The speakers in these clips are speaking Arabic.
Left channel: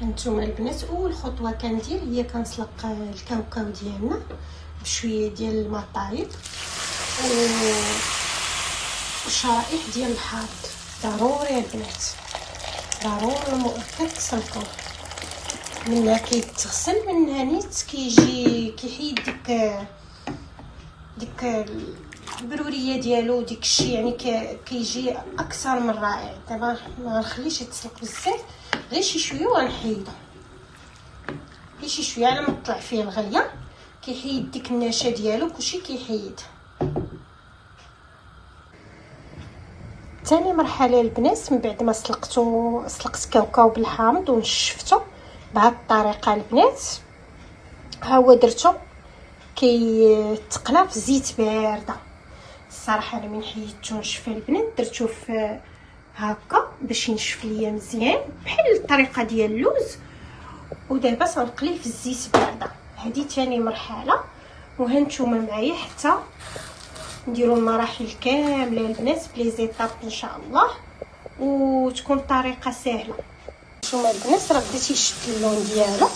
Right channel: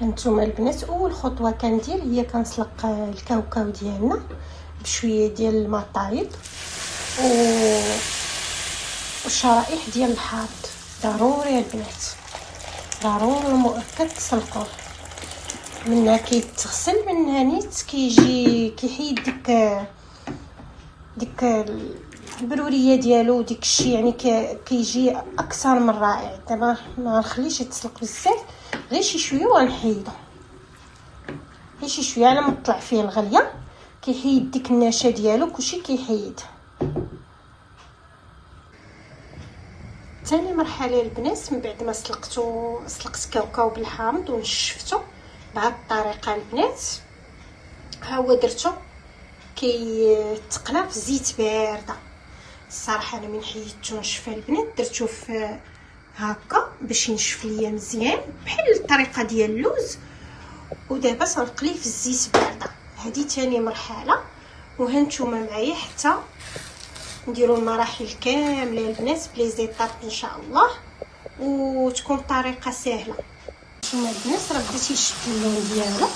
هانتوما البنات اول خطوه كندير هي كنسلق الكاوكاو ديالنا بشويه ديال الماء طايب وشرائح ديال الحامض. ضروري البنات، ضروري مؤكد تسلقوه. منها كيتغسل، منها نيت كيجي كيحيد ديك البروريه ديالو، ديك الشيء يعني كيجي اكثر من رائع. دابا ما نخليش يتسلق بزاف، غير شي شويه وغنحيدو، غير شي شويه على ما تطلع فيه الغليه. كيحيد ديك النشا ديالو، كلشي كيحيد. ثاني مرحله البنات من بعد ما سلقت كاوكاو بالحامض ونشفتو بهاد الطريقه البنات، ها هو درتو كيتقلى في زيت بارده. الصراحه انا من حيدتو نشف البنات درتو في هكا باش ينشف ليا مزيان بحال الطريقه ديال اللوز، ودابا سنقليه في الزيت بارده. هذه ثاني مرحله، وهانتوما معايا حتى نديروا المراحل كامله البنات بلي زيطاب ان شاء الله، وتكون طريقه سهله. نتوما البنات راه بديتي يشد اللون ديالو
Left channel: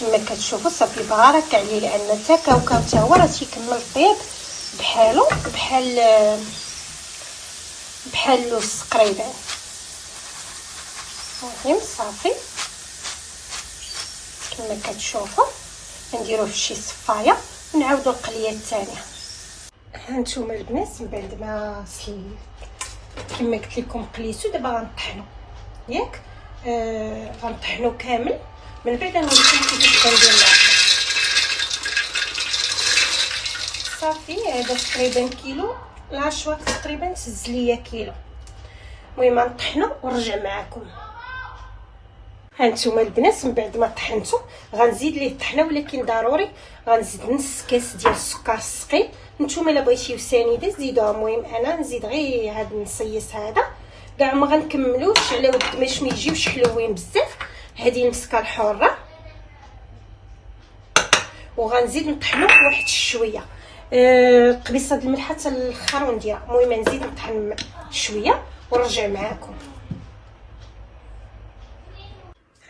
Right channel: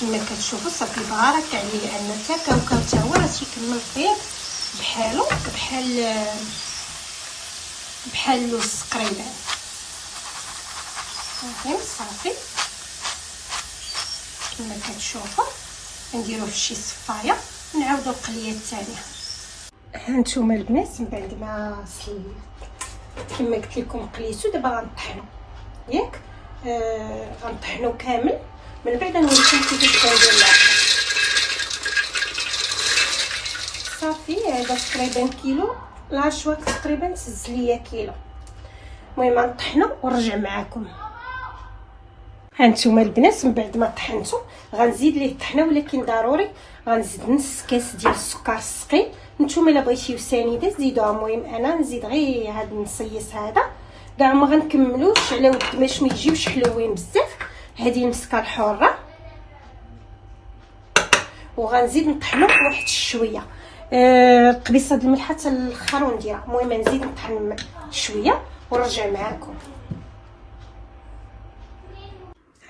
كما كتشوفوا، صافي بارك عليه، لان حتى كاوكاو حتى هو راه تيكمل طيب بحالو بحال اللوز تقريبا. صافي كما كتشوفوا نديروه في شي صفايه ونعاودوا القليه الثانيه. هانتوما البنات من بعد ما كما قلت لكم قليتو، دابا غنطحنو ياك غنطحنو كامل. من بعد نوريكم كيفاش كندير صافي. هذا تقريبا كيلو، لا شويه تقريبا تهز ليا كيلو. المهم غنطحنو ونرجع معكم. هانتوما البنات من بعد ما طحنتو غنزيد ليه الطحنه، ولكن ضروري غنزيد نص كاس ديال السكر السقي. نتوما الا بغيتيو سنيده زيدوها، المهم انا نزيد غير هاد النصيص هذا، كاع ما غنكملوش على ود باش ما يجيوش حلوين بزاف. هذه المسكه الحره، وغنزيد نطحنو واحد شويه قبيصه د الملح حتى الاخر ونديرها. المهم نزيد نطحن شويه ونرجع معكم.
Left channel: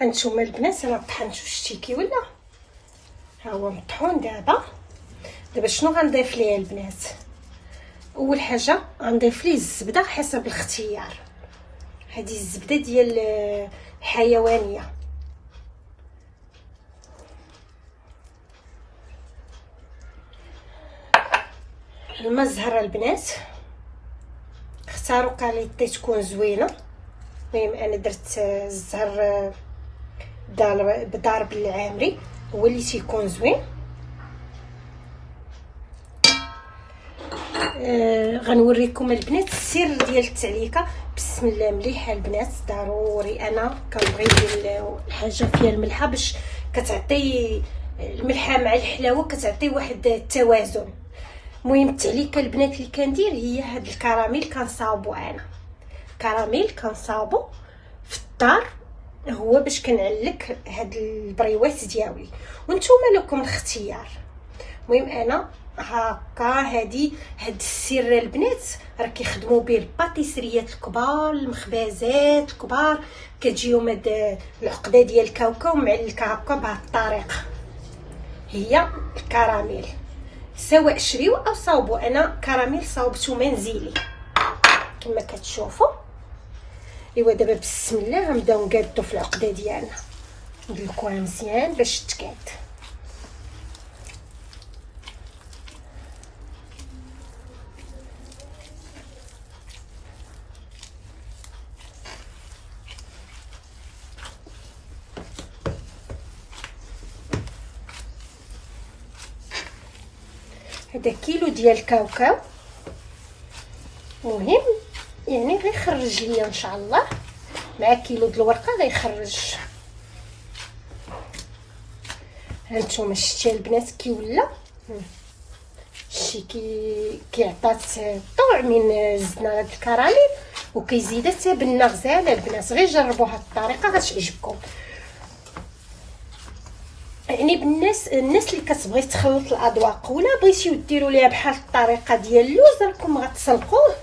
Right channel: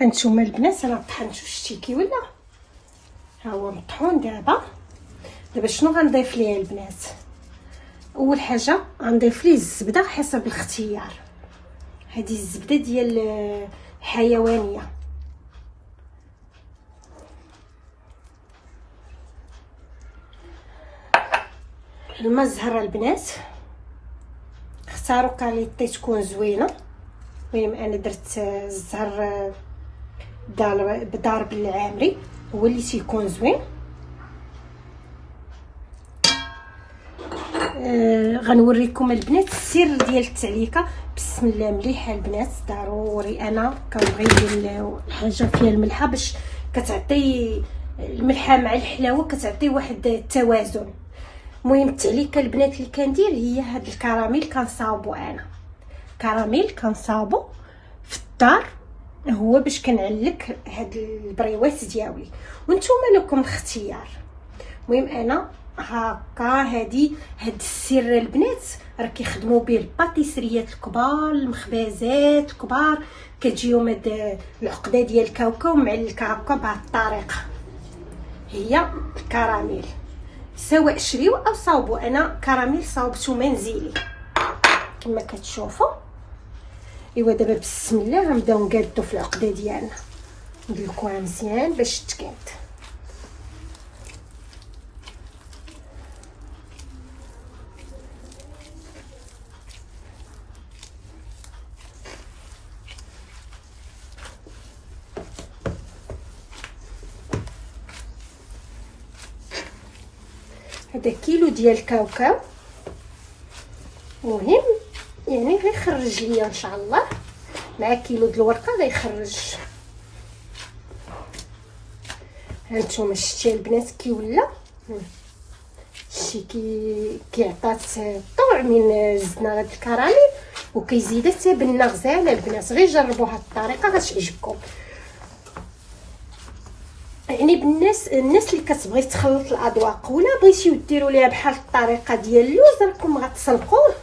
هانتوما البنات انا طحنتو، شتي كي ولا ها هو مطحون. دابا شنو غنضيف ليه البنات؟ اول حاجه غنضيف ليه الزبده حسب الاختيار. هذه الزبده ديال الحيوانيه، الماء الزهر البنات اختاروا كاليتي تكون زوينه. المهم انا درت الزهر بدار العامري، هو اللي تيكون زوين. غنوريكم البنات السر ديال التعليكه. بسم الله مليحه البنات، ضروري انا كنبغي ندير الحاجه فيها الملحه باش كتعطي الملحه مع الحلاوه، كتعطي واحد التوازن. المهم التعليكه البنات اللي كندير هي هاد الكراميل. كنصاوبو انا كراميل كنصاوبو في الدار، هو باش كنعلك هاد البريوات ديالي، وانتوما لكم الاختيار. المهم انا هكا هاد السر البنات راه كيخدموا به الباتيسريات الكبار، المخبزات الكبار، كتجيهم هاد العقده ديال الكاوكاو معلكه هكا بهاد الطريقه. هي الكراميل سواء شريو او صاوبو. انا كراميل صاوبتو منزلي كما كتشوفوا. ايوا دابا بسم الله غنبداو نقادو في العقده ديالنا، ندلكوها مزيان باش تقاد. هذا كيلو ديال الكاوكاو، مهم يعني غيخرج ليا ان شاء الله مع كيلو د الورقه غيخرج. هانتوما شتي البنات كي ولا شي كيعطات طوع من زدنا هاد الكراميل، وكيزيد حتى بنه غزاله البنات. غير جربوا هاد الطريقه غتعجبكم. يعني الناس اللي كتبغي تخلط الاذواق ولا بغيتيو ديروا ليها بحال الطريقه ديال اللوز، راكم غتسلقوه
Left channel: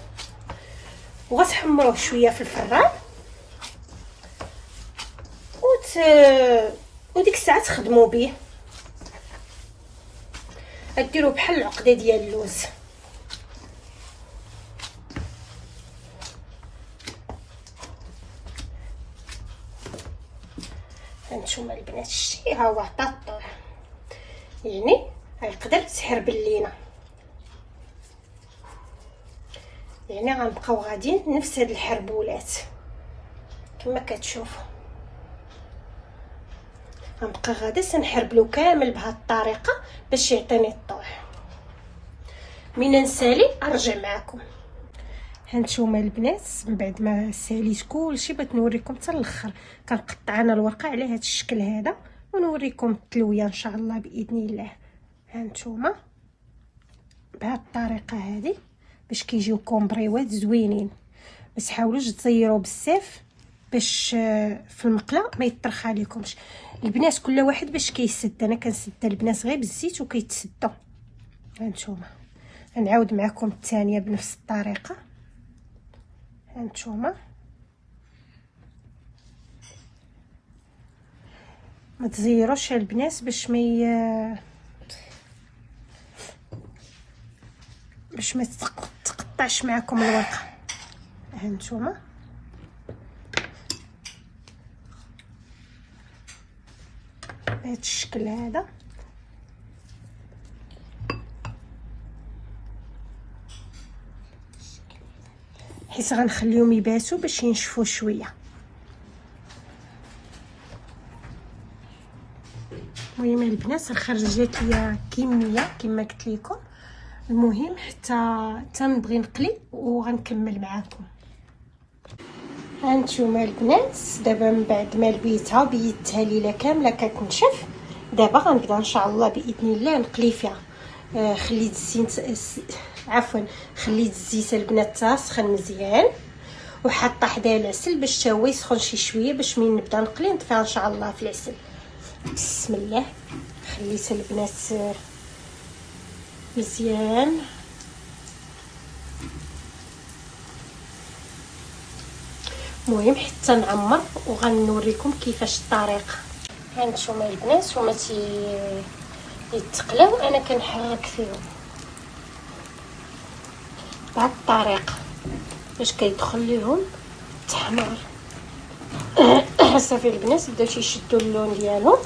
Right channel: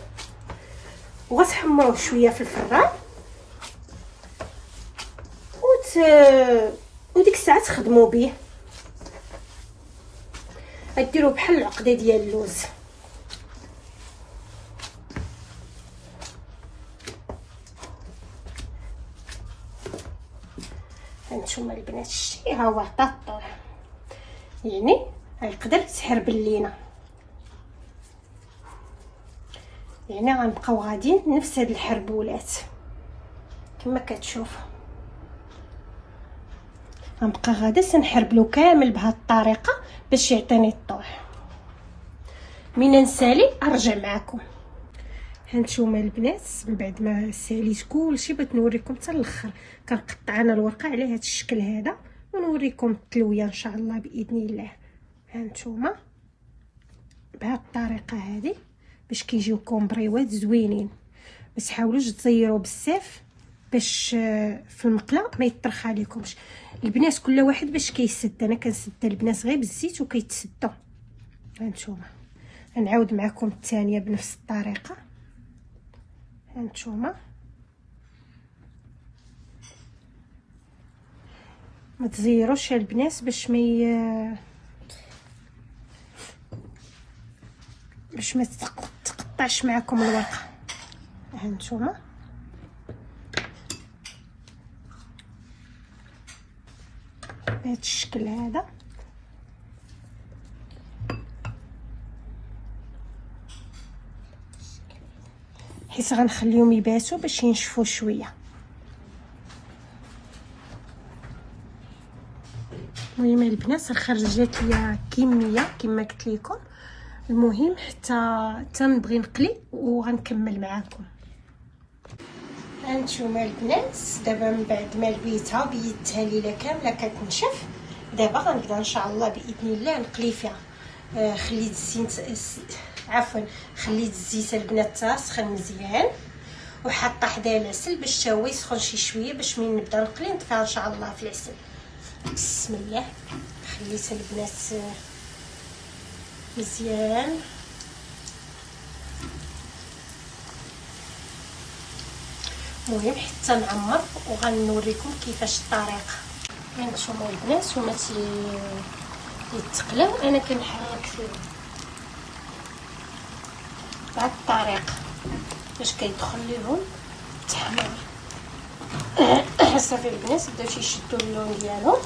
وغتحمروه شويه في الفران وديك الساعه تخدموا به. ديروا بحال العقده ديال اللوز. هانتوما البنات شتي ها هو عطا الطول، يعني غيقدر تحربل لينا، يعني غنبقاو غاديين نفس هاد الحربولات كما كتشوفوا. غنبقى غادا سنحربلو كامل بهاد الطريقه باش يعطيني الطول. من نسالي ارجع معكم. هانتوما البنات من بعد ما ساليت كلشي بغيت نوريكم حتى الاخر. كنقطع انا الورقه على هاد الشكل هذا ونوريكم التلويه ان شاء الله باذن الله. هانتوما بهاد الطريقه هذه باش كيجيوكم بريوات زوينين. بس حاولوش تزيروا بزاف باش في المقله ما يطرخ عليكمش. البنات كل واحد باش كيسد، انا كنسد البنات غير بالزيت وكيتسدوا. هانتوما غنعاود معكم الثانيه بنفس الطريقه. هانتوما ما تزيروش البنات باش ما تقطعش معكم الورقه. هانتوما بهذا الشكل هذا حيت غنخليهم يباتوا باش ينشفوا شويه. المهم البنات خرجت ليا كميه كما قلت لكم. المهم حتى نبغي نقلي وغنكمل معاكم. هانتوما البنات دابا من بعد ما لبيتها بيدتها ليله كامله كتنشف، دابا غنبدا ان شاء الله باذن الله نقلي فيها. خليت الزيت عفوا خليت الزيت البنات سخن مزيان، وحاطه حداه العسل باش حتى هو يسخن شي شويه باش من نبدا نقلي نطفيها ان شاء الله في العسل. بسم الله. خليت البنات مزيان. المهم حتى نعمر وغنوريكم كيفاش الطريقه. هانتوما البنات هما يتقلاو، انا كنحرك فيهم بهاد الطريقه باش كيدخل ليهم التحمير. صافي البنات بداو يشدوا اللون ديالهم،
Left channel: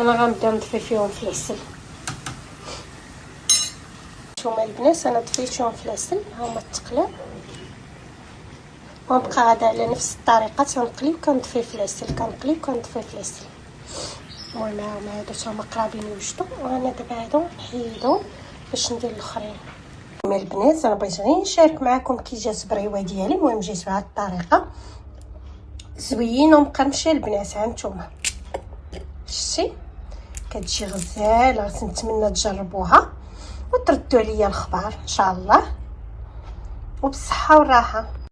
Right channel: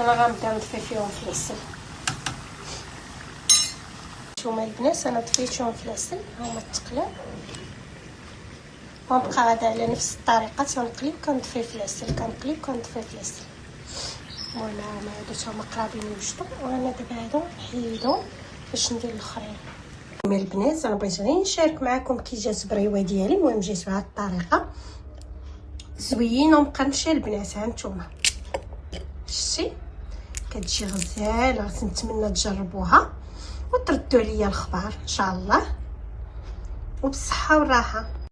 انا غنبدا نطفي فيهم في العسل. هانتوما البنات انا طفيتهم في العسل، هما تقلاو ونبقى غادا على نفس الطريقه تنقلي وكنطفي في العسل، كنقلي وكنطفي في العسل. فوالا هادو هما قرابين يوجدوا، وانا دابا هادو نحيدهم باش ندير الاخرين. البنات انا بغيت غير نشارك معكم كي جات البريوه ديالي. المهم جيت بهاد الطريقه زوينه ومقرمشه البنات. هانتوما شتي كتجي غزاله، نتمنى تجربوها وتردوا عليا الخبر ان شاء الله، وبالصحه والراحه.